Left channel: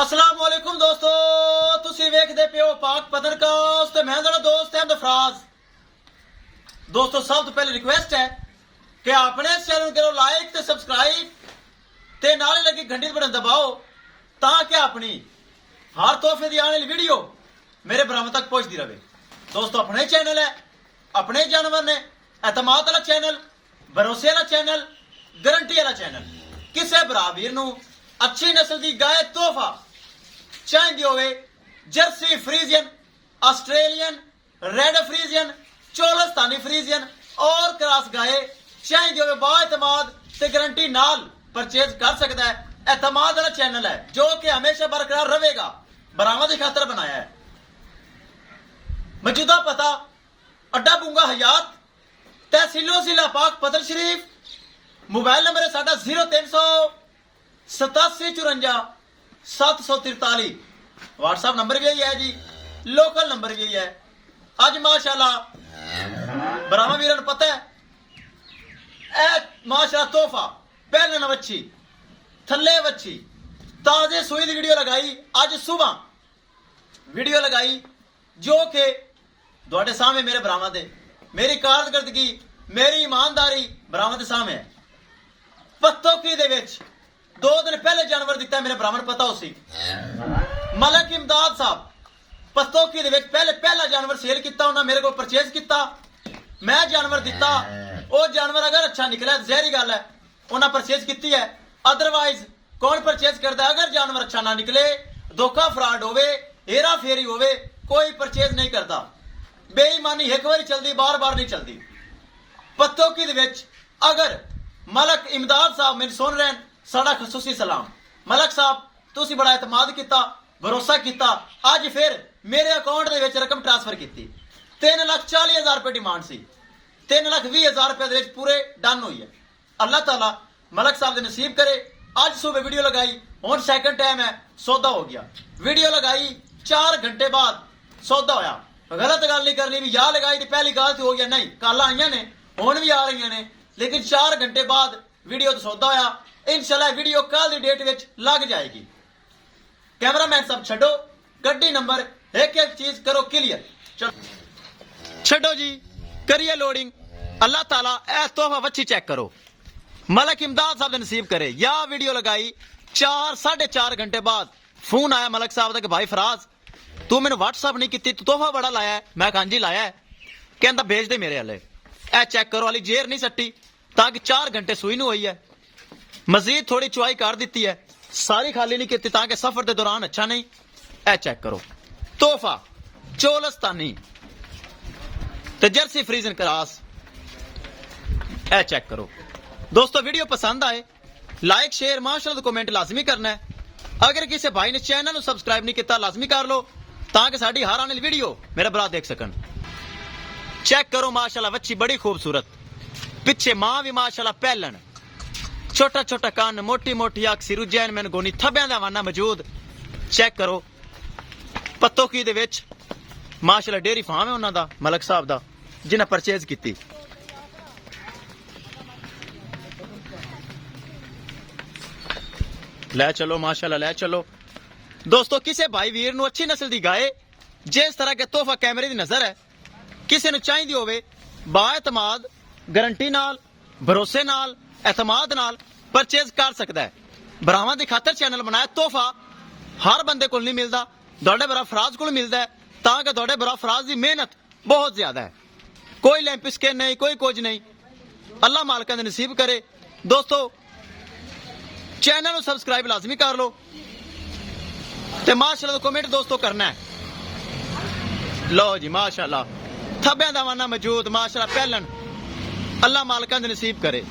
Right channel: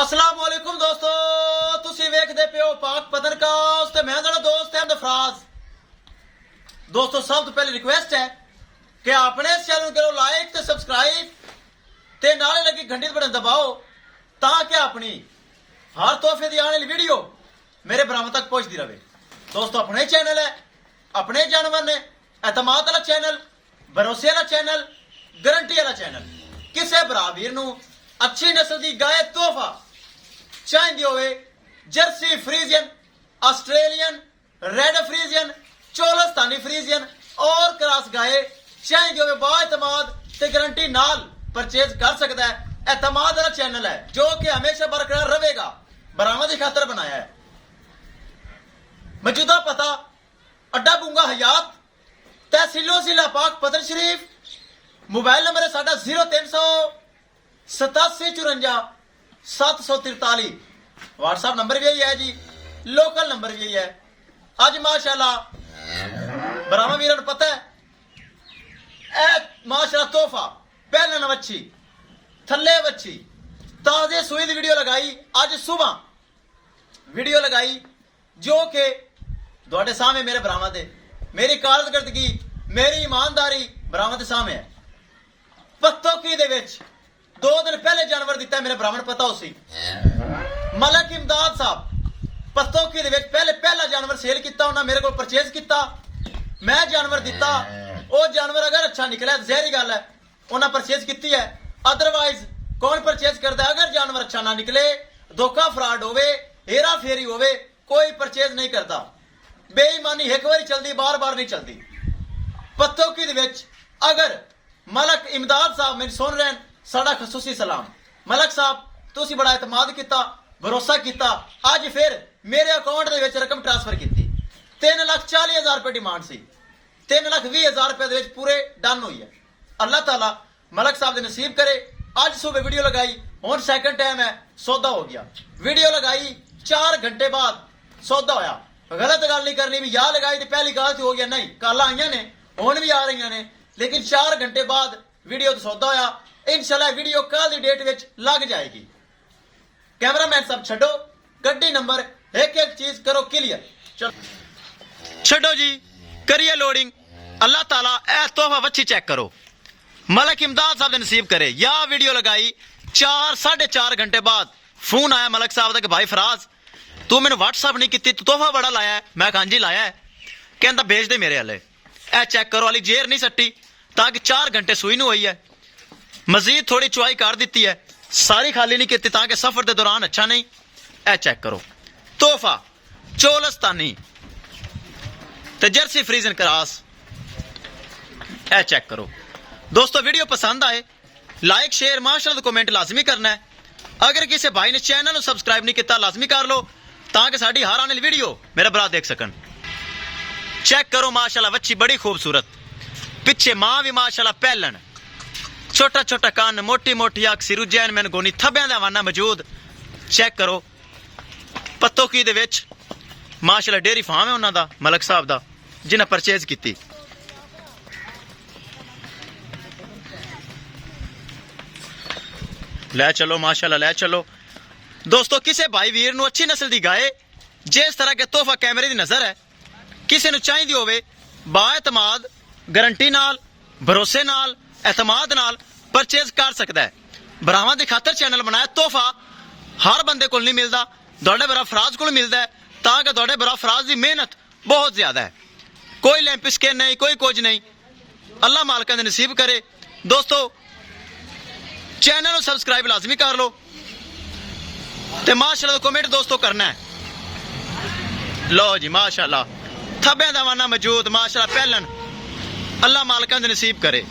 अस्सलाम वालेकुम दोस्तों, तुसी वेखदे पियो पाक पत्रकास्ट ते मैं तेरा दोस्त है दफराज। दोस्तों सब तो पहले रिक्वेस्ट है कि अपने चैनल करो लाइक ते सब्सक्राइब ते नाले लगी घंटी बटन दबाओ ताकि अपनी हर तोहफे दी आने वाली वीडियो मेरे बरामद तक पहुंचती रहे। दोस्तों अपने चैनल है, अपने जानवर ने, एतमाद वाला चैनल, भरोसे वाला चैनल, गारंटी वाला चैनल। किसी भरा वीर नूं अच्छी नस्ल की गाय तोहफा चाहिए होवे, Jersey Friesian, Australian, red Friesian, Cholistani Friesian और क्रॉस गाय चाहिए होवे, बाएतमाद ते गारंटी नाल परचेज कर सकता है। एतमाद वाला चैनल है जो कि हमेशा बरकरार रहेगा, बरामद की खातर बनाया है। मौजूदा पता अड्डा बुंगा हयात, तहसीलो जिला पाक पतर शरीफ। मोबाइल नंबर है साडा 038754 व्हाट्सएप नंबर भी यही है जी, लोकल नंबर भी यही है। आज माशाल्लाह बरामा वीरन पता है माशाल्लाह तोहफा पहले वच्छी थले वच्छी ताजे सुई की वीडियो लगाई, आज सुबह वीडियो लगाई जो कि ਤੁਹਾਡੇ सामने मेरे बरामद है। मेरी कारकर्दगी, मेरी ईमानदारी बरामद सामने है। पत्तोकी दे विच 2 दिन पहले जानवर दिता है, मेरे ब्राह्मण पता उसी मलक इमदाद साहब पत्तोकी दे विच पहला जानवर सेल किया, उन्हें मेरे को परचेज किया, मैं जानवर दिता। वो जानवर अगर अच्छा निकला जहरी गल है, उन्हें परचेज की है। अदरवाइज कौन परचेज करता है? अगर जानवर अच्छा ना निकले, धोखा फ्रॉड होवे, हेरा फेरी होवे, कोई परचेज नहीं करता। बेईमानी एक बार चलती, बार बार नहीं चलती। पत्तोकी दे विच अगर मलक इमदाद साहब मेरी सुन रहे हैं, साडा खसूसी सलाम। मलक साहब तुसी बड़ा एतमाद किया, भरोसा किया, अज फिर मेरे अकाउंट दे विच रकम ट्रांसफर की। 3,40,000 रुपए डिमांड सी, 3,20,000 रुपए पूरे डन हुई है। अल्लाह ताला मलक साहब दे नसीब करे। अज सुबह वीडियो लगाई, हुण सैकंड टाइम है, सौदा हो गया। वीडियो लगाई 4 घंटे बाद सौदा होया। गलत गल नहीं करनी भी या लगाई तो पहली गल तो हो गया, नहीं कल आई ने हुण भी आ रही ने, लेकिन 4 घंटे बाद वीडियो तो सौदा होया। इंशाल्लाह वीडियो कल की डेट विच लग जाएगी। कैमरामैन साहब छड्डो गड्डी नंबर, एक एक चीज करो क्लियर। छड्डो जी, करिए लोडिंग। अल्लाह ताला ए तोहफा वच्छी चेक करो, मलक इमदाद साहब ने नसीब करे। या वीडियो लगाई 4-4.5 घंटे बाद फोन आया मलक साहब का कि भाई फराज तू मैंने व्हाट्सअप नहीं की, तू तोहफा बड़ा लाया है। मैं कहा जी लाया है, कहता भेज दे मेरे हले। ए चेक करो, वाली जेर नहीं सट्टी ताकि 4 घंटे सुई नहीं हुई है। मजीद थोड़ी चुआई कर दी है, सारी खाली नहीं की ताकि सफर के दौरान अच्छा नहीं। ए चेक करो तोहफा चोलस्तानी ते जर्सी फ्रीजन क्रॉस। ए चेक करो दोस्तों, वीडियो पसंद आए लाइक शेयर माशाअल्लाह कमेंट लाजमी करना है। अगर किसी भाई ने चैनल को सब्सक्राइब नहीं किया लाजमी कर लो ताकि साड़ी हर आने वाली वीडियो मेरा भरा देख सकन। चेक करो माशाल्लाह वच्छी बड़ी खूबसूरत, पिछे मां भी माशाल्लाह पहलन, छोटा छोटा कान, मोटी मोटी अख, सिर जैन मैन गोनी, थब्बियां दा वाना मौजूद। चेक करो पत्तोकी दे विच माशाल्लाह डेयरी फार्म है उन्हां दा, मलक साहब दा, जिन्हें परचेज की। लै चलो माशाल्लाह लै चलो दोस्तों। किसी भाई वीर नूं अच्छी नस्ल की गाय जिस तरह के तोहफा कैमरे की नजर है, किसी नूं चाहिदी होवे, बाएतमाद गारंटी नाल, भरोसे नाल, एतमाद नाल परचेज कर सकता है। बरामा की खातर चैनल बनाया। तोहफा हर बंदे को नहीं मिलता, तुहाडे बरा फराज को मिलता है ताकि तुहाडे बरा फराज की मेहनत बहुत ज्यादा है। कोई लैंप स्किन नहीं, कोई कुछ नहीं, अल्लाह मालका ने नसीब करे। दोस्तों चैनल को सब्सक्राइब लाजमी कर लो ते माशाल्लाह कमेंट दोस्तों करना है। लो जी माशाल्लाह थब्बियां दा वाना मौजूद, माशाल्लाह पहलन, अल्लाह मालका ने नसीब करे।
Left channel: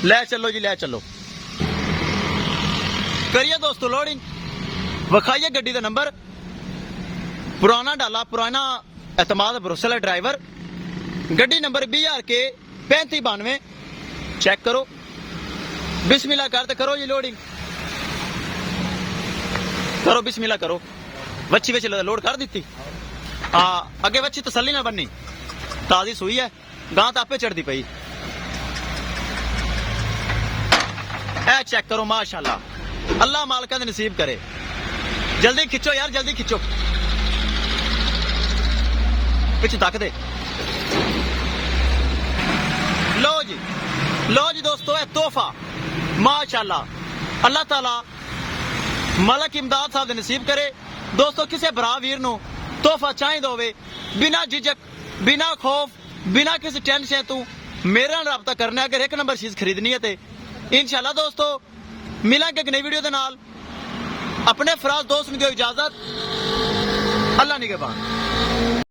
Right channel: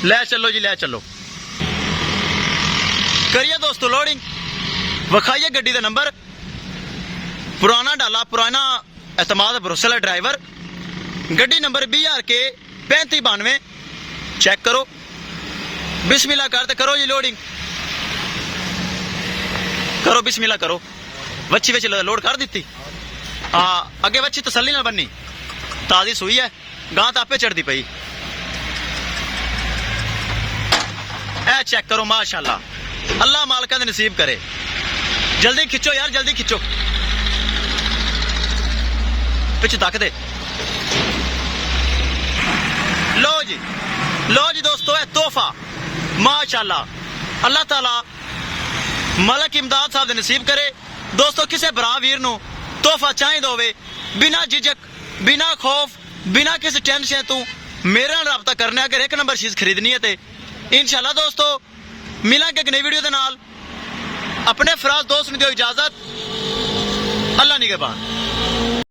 ले चलो जी लै चलो, करिए दोस्तों लोडिंग। विखाइए गड्डी का नंबर, पुराना डाला, पुराना एतमाद भरोसे वाला ड्राइवर। गड्डी नंबर BRK 3592। चेक करो, बिस्मिल्लाह करते करो जी लोडिंग करो, बिस्मिल्लाह करो। वच्छी विच लोड कर दी। अगे वच्छी तसल्ली ना बनी, ताजी सुई है, गां तो आपे चढ़ती पई। ए चेक करो माशाल्लाह ਅੱਲਾ ਮਾਲਕਾਂ ਦੇ ਨਸੀਬ ਕਰੇ। ਜਲਦੀ ਖਿੱਚੋ ਯਾਰ, ਜਲਦੀ ਖਿੱਚੋ, ਪਿੱਛੇ ਤੱਕ ਦੇ। ਲੋ ਜੀ ਦੋਸਤੋ, ਇਹ ਤੋਹਫਾ ਮਾਸ਼ਾਅੱਲਾ ਅੱਲਾਹ ਤਾਲਾ ਮਲਕ ਇਮਦਾਦ ਸਾਹਿਬ ਦੇ ਨਸੀਬ ਕਰੇ। ਦੋਸਤੋ ਕਿਸੇ ਭਰਾ ਵੀਰ ਨੂੰ ਤੋਹਫਾ ਚਾਹੀਦਾ ਹੋਵੇ, ਬਿਨਾ ਝਿਜਕ, ਬਿਨਾ ਖੌਫ, ਬਿਨਾ ਕਿਸੇ ਟੈਨਸ਼ਨ ਤੋਂ ਮੇਰੇ ਨਾਲ ਰਾਬਤਾ ਕਰਨਾ। ਅਗਰ ਇੱਕ ਨੰਬਰ ਚੀਜ਼ ਖਰੀਦਣੀ ਹੈ ਤੇ इंशाल्लाह दोस्तों मिलेंगे एक नई वीडियो के नाल। अपने फराज दोस्त ने दियो इजाजत। अल्लाह निगहबान।